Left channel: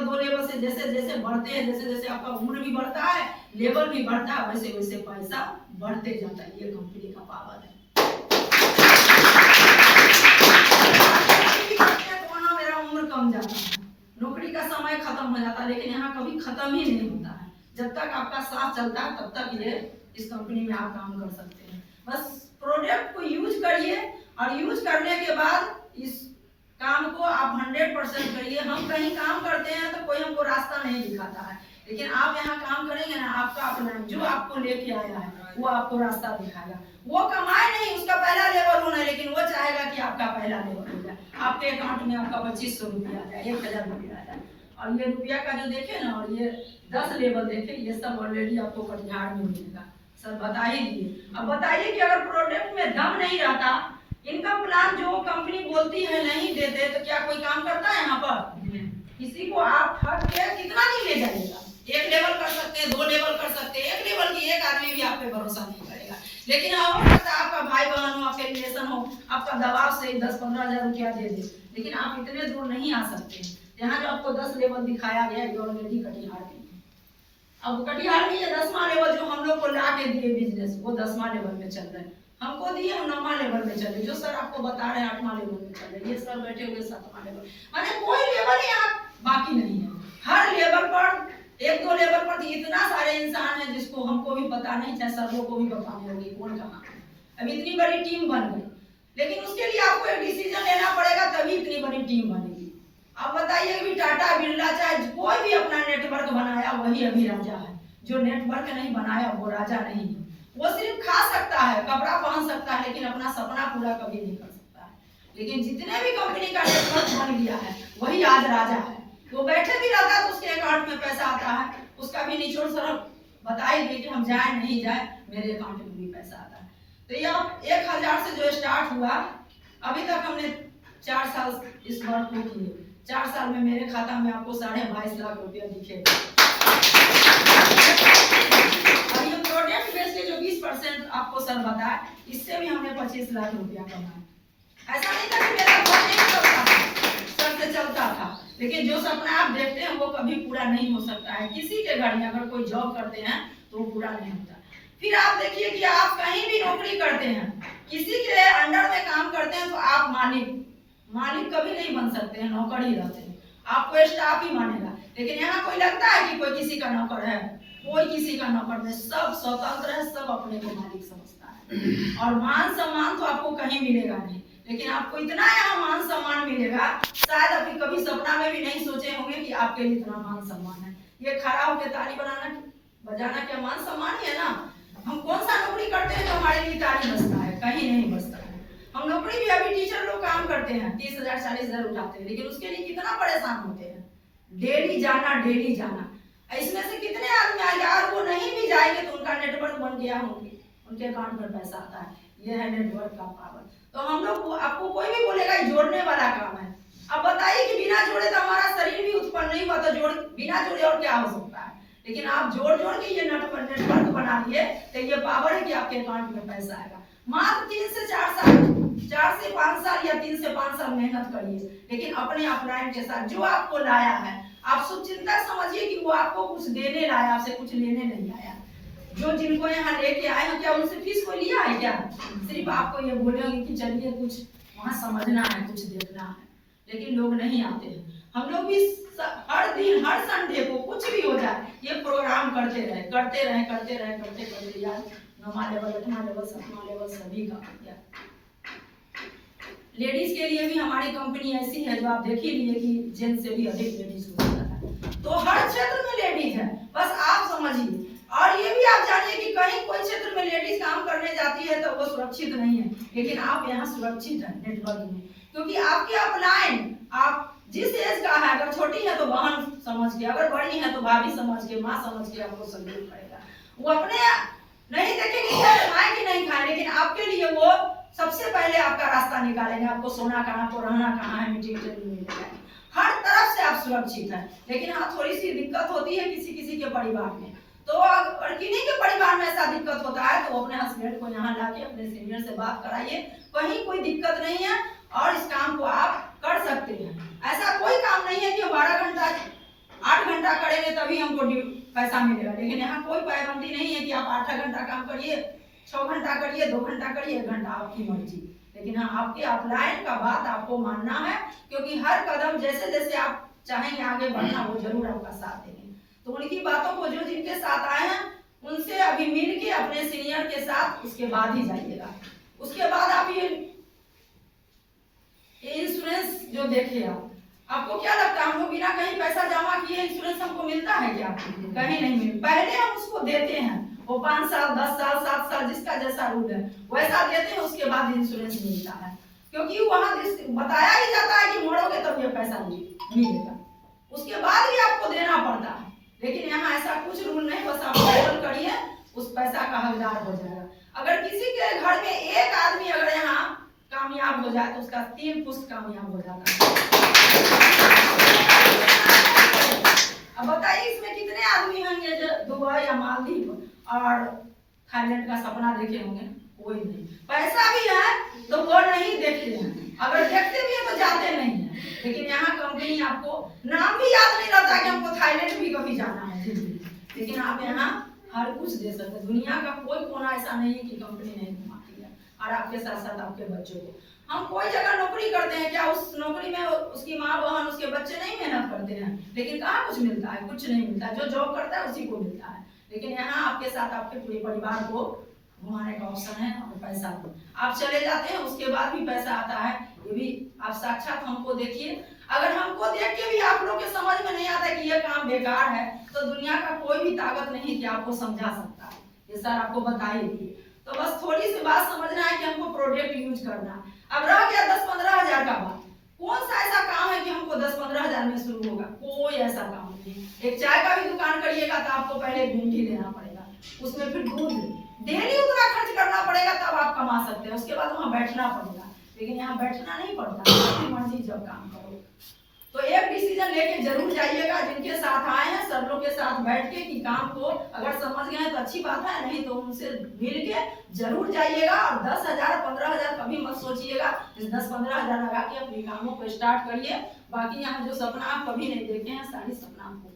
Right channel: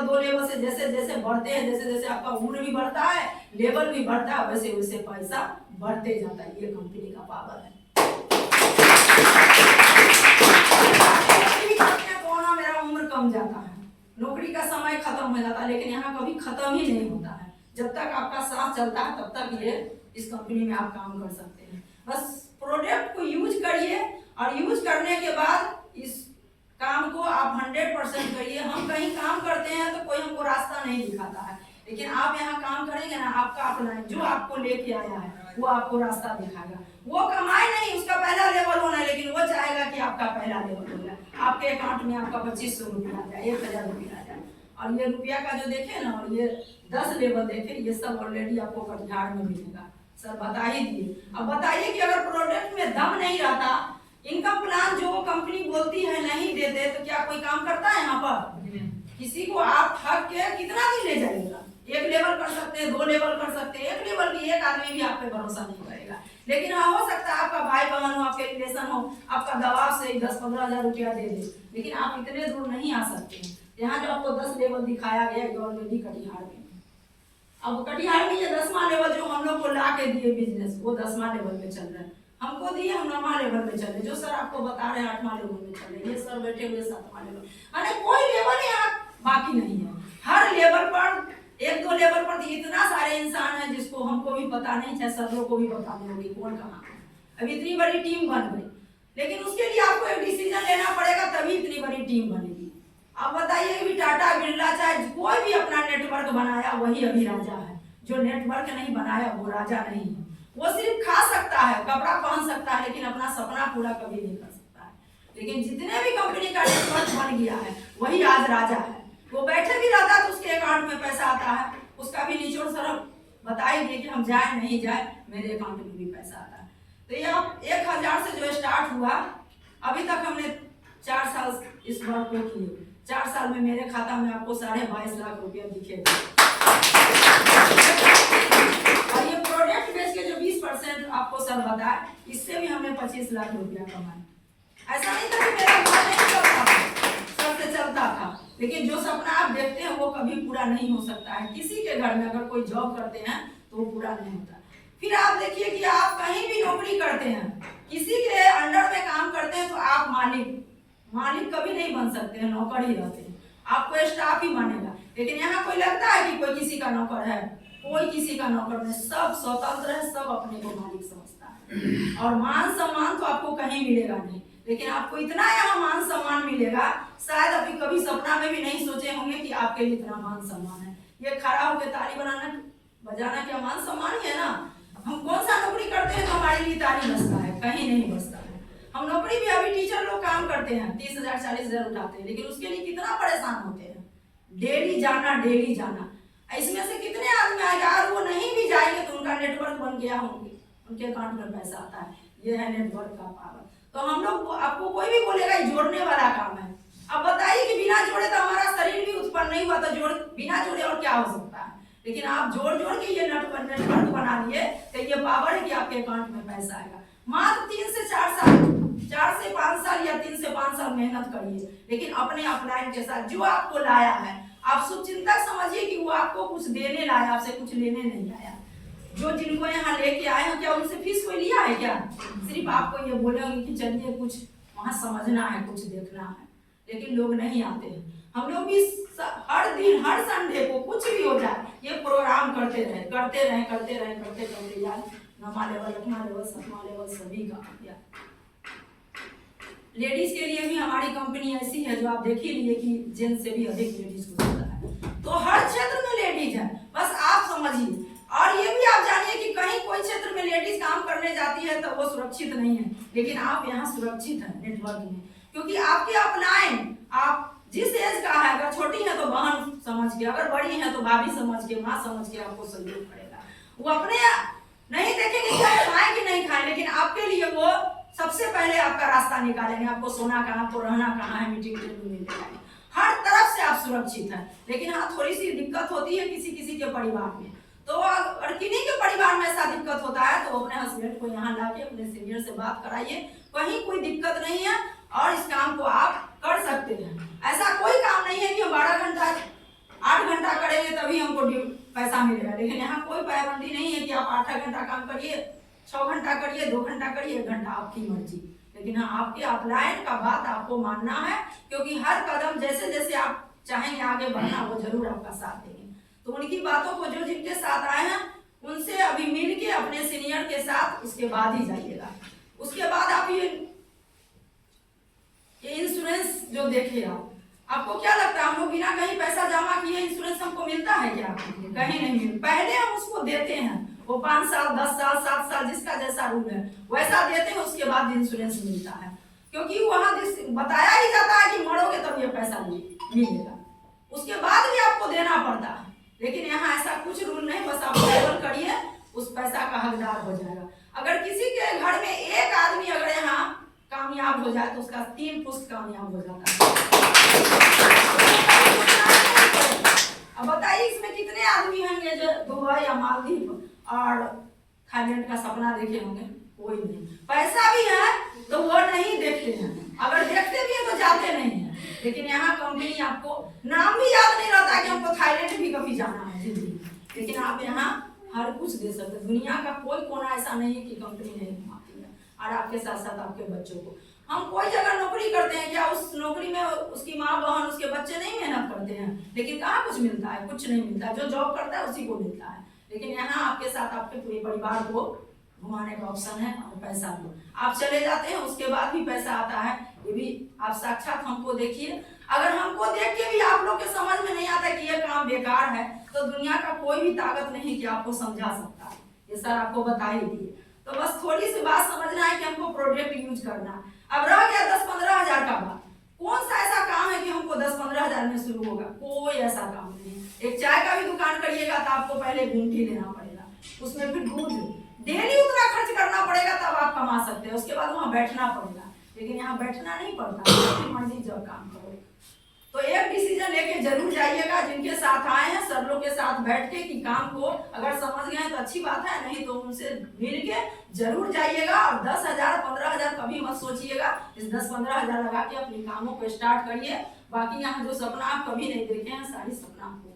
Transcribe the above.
Level 2 level से जैसे जैसे बढ़ते हैं, जैसे जैसे आपका उम्र भी बढ़ता है, लेवल भी बढ़ता है, वैसे वैसे पैसा बढ़ते जाता है। ये कंपनी का पावर है। मेरा उम्र कम जाता है, नौकरी का समय खत्म हो जाता है, लेकिन यहाँ कभी खत्म ही नहीं होता है। जब तक आपका सांस चलता है तब तक ये इस कंपनी में आप काम कर सकते हैं। बस प्रोडक्ट को यूज करिए और यूज करने के बाद इस काम को आप 100% करिए। हम कहीं काम करते हैं तो कोई हमको रास्ता नहीं दिखाता है, लेकिन आप यहाँ काम करेंगे ना, आपका अपना जो आपको लेके आया है वो आपको रास्ता दिखाएगा। वो कमाए नहीं, उसका पहला लेवल होना है, लेकिन वो चाहेगा कि आपका पहला लेवल हो जाए, आपके अकाउंट में आपका 2500 रुपया आ जाए, 1000 रुपया आ जाए। और ये रुपया का जो देखे ना, और ये 10 लेवल देखे, ये सब ऑलरेडी आपको कटिहार में मिलेगा। सर बता ही दिए। अब बताइए कि अगर प्रोडक्ट में दम नहीं रहता, इनकम प्लान जो कंपनी बोलती है नहीं देते, तो क्या कोई काम करता है यहाँ पर? किसी को आप ठग के कितना दिन ले जाएगा? 1 लेवल कर सकते हैं, 2 लेवल कर सकते हैं, 1 लेवल की एक आदमी भी आप पे भरोसा नहीं करेगा। लेकिन हो सकता है आपका भाई बहन हो, आपके रिलेशन हो, आपका दबाव से 10-15 हजार रुपया दे दे, लेकिन आप इतने दूर नहीं आ सकते हैं। यहाँ जो आपको 10 लेवल दिखाया गया है ऑलरेडी कटिहार में। अब कटिहार में ये 10वां लेवल जो हम लोग को ला के दिए बिजनेस, वो 10वां लेवल में चल रहा है। हमको दिए, हम 9वां लेवल में चल रहे, जो सर आपको बता रहे हैं 8वां लेवल में चल रहे, ये सर बैठे हुए 7वां लेवल। माने कोई लेवल यहाँ बाकी नहीं है। हर लेवल पर 1-2 लेवल पर इतना सारे इंसान हैं जिसको हमको भी पता नहीं, चाहे सर लोग को भी पता नहीं होगी कौन कहाँ। अब इतनी बड़ी टीम बन गई, लेकिन उसके लिए आपको एक डिसीजन लेना पड़ेगा, तभी इतनी बड़ी टीम बनेगी। अब बताइए कि टाटा बिरला चाहे कोई भी अपना नेटवर्क बनाया, वही अभी राजा है। जो नेटवर्क नहीं बनाया वो राजा नहीं है। वो सिर्फ खा सकता है, कपड़ा पहन सकता है, लेकिन अपना सपना पूरा कभी नहीं कर सकता है। लेकिन जितने भी कंपनी का नेटवर्क बन गया है, वही आज राजा है। वो बैठे भी रहता है तो उसके अकाउंट में पैसा आता है, उसका भी निचोड़ सरब बता ही दिए कि हम जाए नहीं जाए, मेरे अकाउंट में भी पैसा आता है। तो ये 1000 से जो स्टार्ट हुआ, अभी तक हमने 4 साल इस वर्क को किए। 4 साल में मेरे खाता में आपको 22.5 लाख रुपया दिखेगा। और ये प्रोडक्ट बेच के जो 20% आपको सर बताए, इससे भी हमने 25 लाख रुपया कमाए। ऐसा नहीं था कि मेरा घर नहीं चलता था, सर से चलता था, लेकिन जो सपना आप देखते हैं वो कभी पूरा नहीं हो सकता है। किसी के घर में अगर कोई जॉब करते हैं तो वो पूरा नहीं होता। फिर आप देखिए कि आप कहीं भी नौकरी करते हैं, किसी के अंडर में काम करते हैं, तो आप मालिक कभी नहीं बन सकते हैं, नौकर ही रहते हैं। आपको स्टाफ ही मानेगा। लेकिन यहाँ कोई लगता है कि कोई किसी का नौकर है? कोई किसी का नौकर नहीं, सब स्वतंत्र है, सब अपने को मालिक समझता है। और मान सम्मान तो आपको कहीं मिलेगा नहीं, लेकिन आपको इतना यहाँ मान सम्मान मिलेगा, शायद अभी कभी सपना में भी नहीं सोचे होंगे कि आपके लिए इतना मान सम्मान है। ये खड़ा होकर ताली बजाना क्या मान सम्मान ही है ना? हम कौन सा नौकरी करते हैं तो हमारे लिए ताली बजता है? कहीं नहीं बजता है। हम नौकरी भी, अभी टीचर लोग काम करते हैं, 30,000 40,000 उठाते हैं, लेकिन उसके लिए कितना परेशान होते हैं। डेली जाना। इसमें से कितने आदमी आएंगे, अगर वो नहीं भी जाएंगे तो उनका नेटवर्क बन गया, होंगे उनके अकाउंट में पैसा आता है। ये है नेटवर्क का पावर। तो हम लोग, आपको कोई भी बोलेगा जोड़ने वाला काम है। अब बताइए कि बिना जोड़े तो हमारा शरीर भी उत्पन्न नहीं हुआ, तो बिना जोड़े और क्या हो सकता है? लेकिन आप जोड़ के ये नेटवर्क बना लिए, तो ये पावर है कि आपके अकाउंट में पैसा आएगा। मात्र 3 से 4 साल, 4 से 5 साल या 3 से 5 साल मेहनत करिए, लेकिन अपने अपलाइन के साथ जो आपको लाया है, आप शुभचिंतक समझिए कि वो आपको कुछ देने लाया, आपसे कुछ लेने नहीं आया। जो जिनको यहाँ लेके आए हैं, क्या उनसे फीस कोई लिया है क्या? सिर्फ आपको ये बोलेंगे कि चलिए कुछ वहाँ समझना है, कुछ देखना है, लेकिन लोग नहीं आते हैं। हम लोग भी हर दिन, हर संडे को कुछ भी हो जाए, ये प्रोग्राम करते रहे यार। 9वां लेवल, 8वां लेवल, 7वां लेवल सभी का किया। लेडीज के लिए भी हमारी कंपनी ऐसी है जो आप देख ही लिए कि जेंट्स से भी अधिक लेडीज को होता है। तो हर क्षेत्र में लेडीज है, बस आप समझिए। और ये भी आप जानिए कि कहीं कोई क्षेत्र में लेडीज काम करने जाती है तो वो सुरक्षित नहीं है, लेकिन आप यहाँ सुरक्षित है नेटवर्क में, क्योंकि आपकी अपलाइन, आप जिस एज का है, अगर छोटी है तो बहन समझ के, अगर बड़ी है तो भाभी समझ के, माँ समझ के आपको सल्यूट करेगा। वो अपने नहीं देखेंगे खाए कि नहीं खाए, लेकिन आपके लिए वो सबसे पहले आपका रास्ता निकालेंगे। आपको सोना कहाँ, आपको रहना कहाँ है, मीटिंग टेबल में लेकर हर तरफ से आप सुरक्षित हैं। लेकिन हाँ, थोड़ी सी दिक्कत होती है किसी के परिवार में। तो अगर किन्हीं के परिवार में ऐसा दिक्कत होता है तो अपने हस्बैंड को यहाँ लाके अपने सीनियर से बात कराइए, कहीं कोई दिक्कत नहीं है और इस काम को आप कर सकते हैं। ऐसा कोई काम नहीं है कि 12 घंटा पैसा मिलेगा। लेकिन यहाँ कोई पाबंदी नहीं है कि आप 8 घंटा काम करिए, 6 घंटा करिए, 2 घंटा करिए, 1 घंटा, आपकी मर्जी। लेकिन हाँ, आपके अपलाइन का बात आपको मानना है, क्योंकि हर कदम जैसे जैसे आप चाहेंगे आगे बढ़ना, वो जरूर आपका साथ देंगे। तो उनकी बातों को जो जिनके साथ आए हैं उनसे अभी मिल के अपने सीनियर के साथ उसके बाद ही जाइएगा। उसके बाद आप ये इंश्योरेंस जो देखे आपको क्या लगता है हम लोग बिना कहीं पैसा जमा किए इंश्योरेंस हमको मिलता है क्या? कहीं नहीं मिलता। पहले हम उसको देते हैं, वो 5 साल 10 साल 7 साल जिसका जैसा रूल है वैसा देते हैं, उसके बाद इंश्योरेंस मिलता है। क्योंकि वहाँ बताया ही जाता है कि मरोगे तब ये पैसा मिलेगा, उसके बाद भी आपको देना पड़ता है। लेकिन यहाँ ऐसा कुछ रूल नहीं, बस आप पेरोल करिए, उस पैसा का हकदार हो जाएगा। अगर किसी के घर में एक आदमी अगर यहाँ कामयाब हो जाए तो उसका 3 पुश्त कामयाब हो जाता है। अब बताइए इसमें कितने आदमी होंगे जो दुबई या मालदीव और थाईलैंड का सपना देखे होंगे? कोई नहीं। पैसा भी है तो वो नहीं देखते हैं, अगर देखते भी हैं तो जाते नहीं हैं। लेकिन यहाँ कंपनी आपको नाम भी याद नहीं रहता कि हमको थाईलैंड भी कभी जाना है जिंदगी, लेकिन आप यहाँ हर कुछ दे सकते हैं। दुनिया का कोई कोना ऐसा नहीं है कि कंपनी नहीं घुमाती है, और आपके साथ साथ आपके बच्चों को। हम कोई जगह नौकरी करते हैं, क्या उस नौकरी में उसकी माँ बहन उसके बच्चे नहीं मेहनत करते हैं? लेकिन कहाँ कुछ मिलता है? कुछ नहीं मिलता। जो जॉब करता है उसी को मिलता है। लेकिन यहाँ आपके साथ आपके पूरे परिवार को घुमाने का ऑप्शन है और पैसा दो, आप चले जाते हैं, उसके बाद भी पैसा आता है। ये भी आप साक्षात हमको देखिए। अगर हमको देख के भी आप लोग के समझ में नहीं आता कि ये काम बेकार है, तो दुनिया का कोई भी ताकत नहीं कि आपको समझा सकता है। ये सर आपको बता ही दिए। तो बस थोड़ी सी बात समझना है कि हमको प्रोडक्ट यूज करना। अब रह गया 10-15 हजार का बात, कौन सा ऐसा काम है कि हमको 10-15 हजार में शुरू होगा? कोई ऐसा काम नहीं। एक चाय का भी दुकान करिएगा तो आपको पहले घूंटी लेना पड़ेगा, उसमें फिर दूध डेली उतना खर्च करना पड़ेगा, तब आप कमा सकते हैं। उसके बाद वहाँ बैठना पड़ेगा। लेकिन यहाँ बैठना नहीं पड़ता, अपनी मर्जी जब काम करो। तो एक डिसीजन लेके जरूर जाइएगा। जिनके साथ आए हैं सब लोग के साथ बैठ के कि काम को अगर समझ गए हैं तो अच्छी बात है, नहीं तो उनसे मिल के जरूर जाइएगा। और 10,000 15,000 कभी मत सोचिएगा। इस 10-15 हजार लगा के अपने कामों को स्टार्ट करिए। बाकी यहाँ जो सपना आप कभी नहीं देखे हैं, सारी सपना आपको